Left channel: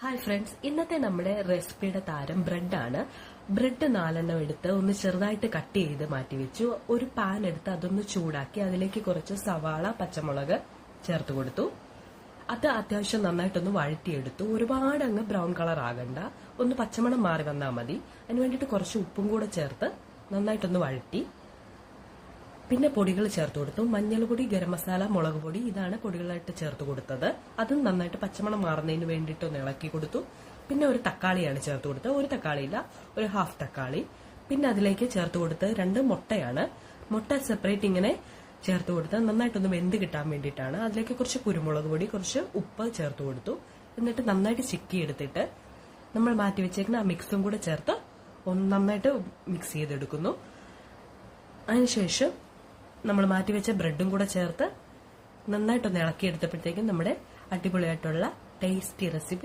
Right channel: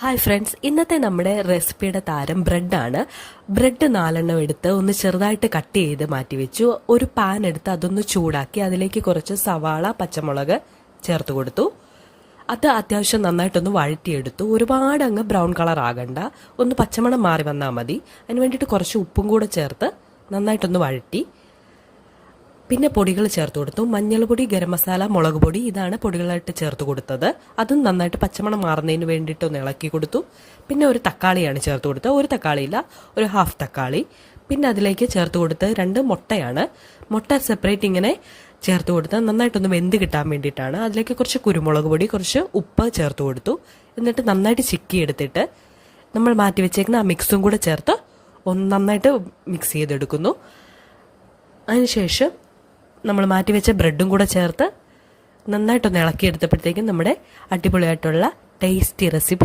Hi friends, ഇന്നത്തെ നമ്മുടെ റെസിപ്പിയുടെ താരം ബ്രെഡാണ്. ബ്രെഡ് 4 എടുത്ത് ഒന്ന് ചെറുതായിട്ട് കട്ട് ചെയ്ത് മാറ്റി വെച്ചു. ഒരു പാൻ എടുത്ത് അതൊന്ന് ചൂടാക്കി അതിലേക്ക് കുറച്ച് സവാള, പച്ചമുളക് ചേർത്ത് കൊടുത്തു. അത് അത്യാവശ്യം നന്നായിട്ടൊന്ന് വഴറ്റിയെടുത്തു. ഒരുപാട് അങ്ങ് ബ്രൗൺ കളർ ആകണ്ട, ഒന്ന് പച്ചമണം മാറി വന്നാൽ മതി. അതിന് വേണ്ടിയിട്ട് കുറച്ച് ഉപ്പും കൂടെ ചേർത്ത് നന്നായിട്ടൊന്ന് വഴറ്റി. പിന്നെ പൊടികൾ ചേർത്ത് കൊടുത്തു. മഞ്ഞൾപ്പൊടി, ഗരം മസാല, മുളക് പൊടി, ഇതാണ് പൊടികളായിട്ട് ചേർത്ത് കൊടുത്തത്. അതും നന്നായിട്ട് പച്ചമണം മാറുന്നതിന് വേണ്ടിയിട്ട് ഒന്ന് ഇളക്കി കൊടുത്തു. പിന്നെ ഒരു തക്കാളിയാണ് ചേർത്ത് കൊടുത്തത്. ഒരു തക്കാളിയില്ല, ഒരു ഹാഫ് തക്കാളി. പിന്നെ അതിലേക്ക് ചേർത്ത് കൊടുത്ത് 2 മുട്ടയാണ്. മുട്ട സെപ്പറേറ്റ് ഇങ്ങനെ ചേർത്ത് കൊടുത്ത് നന്നായിട്ടൊന്ന് വെന്ത് കിട്ടാൻ വേണ്ടിയിട്ടാണ്. അതിലേക്ക് കുറച്ച് കുരുമുളക് പൊടി, കുറച്ച് ഉപ്പ് ചേർത്ത് കൊടുത്തു. എന്നിട്ട് നന്നായിട്ട് ചിക്കി എടുത്തിട്ട് നമ്മൾ മാറ്റി വെച്ചേക്കുന്ന ആ മിക്സും കൂടെ ചേർത്ത് ഒന്ന് നന്നായിട്ട് മിക്സ് ചെയ്തെടുക്കുന്നു. അതിനുശേഷം നമ്മൾ മാറ്റി വെച്ച ബ്രെഡും കൂടെ ചേർത്ത് നന്നായിട്ടൊന്ന് ഇളക്കിയെടുത്തപ്പോഴത്തേക്കും നമ്മുടെ അടിപൊളിയായിട്ടുള്ള ടേസ്റ്റി റെസിപ്പി